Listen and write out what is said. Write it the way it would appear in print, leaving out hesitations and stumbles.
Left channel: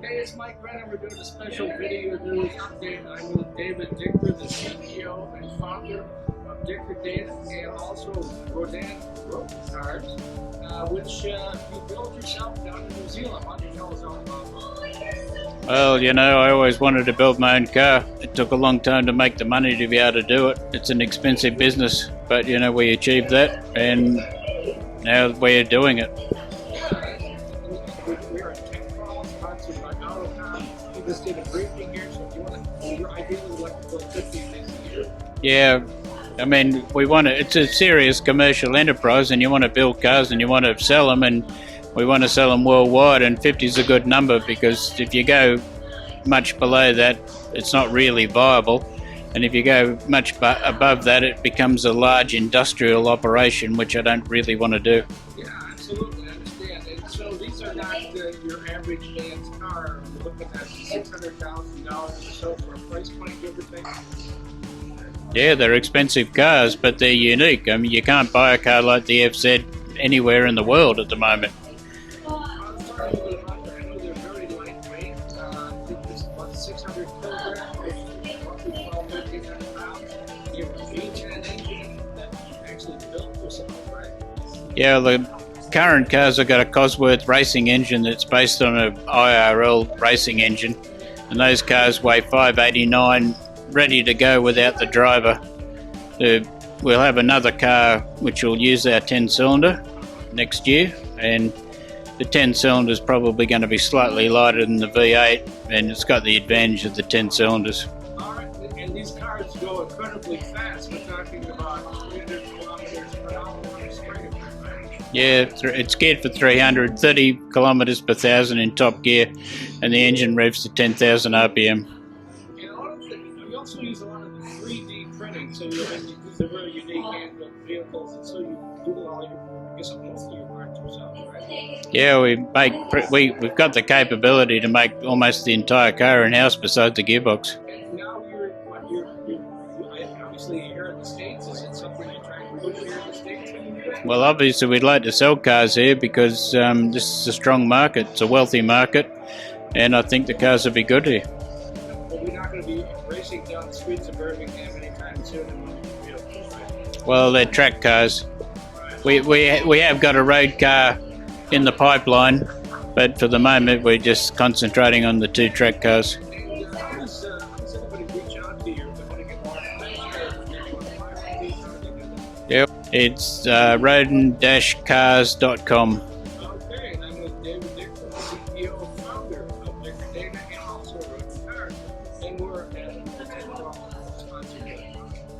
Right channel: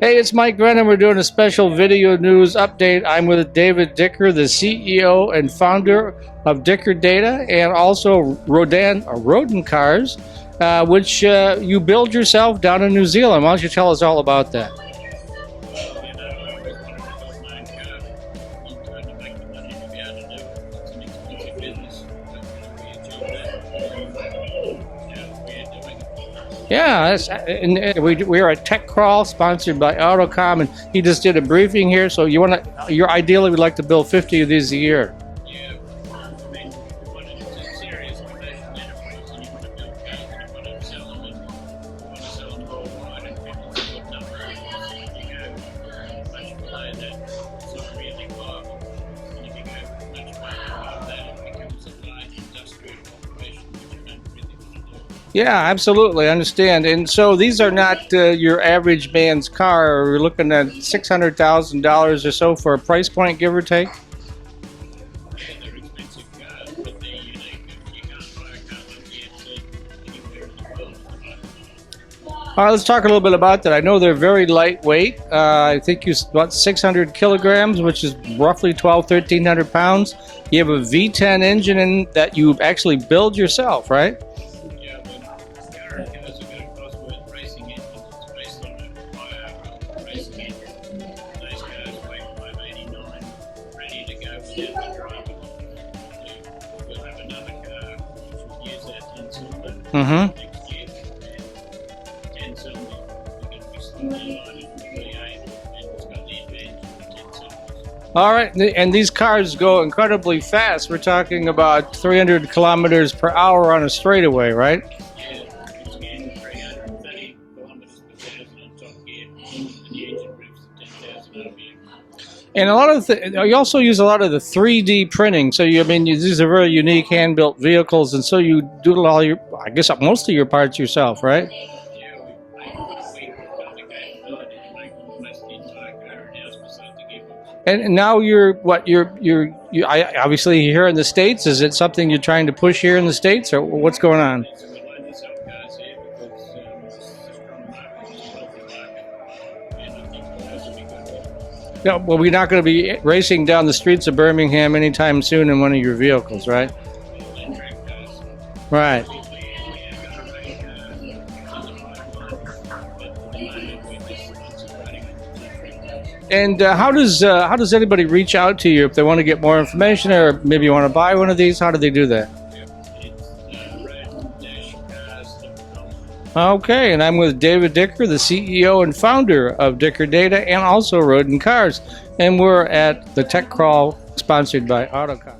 Hey, it's Mike Brennan. We're doing a special video news update. I'm with David Dicker, the CEO and founder of Dicker Data, and also Rodin Cars, which you build yourself down in New Zealand. Why don't you tell us all about that? Well, I always wanted to build my own car. It took a long time to make the money to be able to do it. It's an expensive business, but we achieved that, and now we're doing it. Yeah, and we are at Tech Crawl, sponsored by Autocom, and he just did a briefing here. So you ideally would like to build 50 of these a year. Yeah, I mean, it's a serious commercial enterprise, and you want to build cars and you want to sell them, and we want to sell them worldwide, and 50 is a good number, because if you go much below that, it's not really viable. And if you go much above that, it becomes a large industrial operation, which I don't really want to do. Yeah, absolutely. I understand. And so these are not your average man's car. We're looking at $600,000 or so for a price point, give or take. Yeah, they're expensive cars, but they're unique. I mean, you can't buy a car like the FZ anywhere in the world at the moment. All right, let's talk a little bit about that. I know they're very lightweight. I think you about 600 kilograms, which is roughly 1,300 pounds. You have a V10 engine in that you actually build yourself, right? Yeah, the current cars have got a Cosworth racing engine that's based on an IRL racing engine, and those cars weigh 589, ready to go without the driver. We'll have another car which will use our 10-cylinder next year, and the 10-cylinder is probably going to be slightly lighter than the V8, and it's got the advantage of the 10 cylinders. All right, and these cars go incredibly fast. We're talking about 300 kilometers per hour on a straightaway, right? Yeah, it's geared for 330 kilometers per thousand in top gear, and the engine revs to 10,000 RPM. And a lot of you also use a lot of the 3D printing. So these are very unique hand-built vehicles, and so you do most of your parts yourself, right? Yeah, we've got the capability to make almost the entire car in-house besides the gearbox. And now obviously here in the States, is it something you're trying to push here in the States, or what's going on? Obviously we'd like to sell cars here because this is a strong market, it's a wealthy market, and I think the cars will be good here. No, well, we're not going to be racing down the streets of Birmingham anytime soon in one of your vehicles, right? Well, they're track cars. Right. We have got a road car in the pipeline, but for the moment we're just concentrating on the 2 track cars. And how does anybody reach out to you if they want to get more information, or maybe you want to buy one of these? How do they do that? Yeah, it's Rodin-Cars.com. Okay, and I'm with David Dicker, the CEO and founder of Dicker Data and also Rodin Cars, and we're at the Tech Crawl, sponsored by Autocom.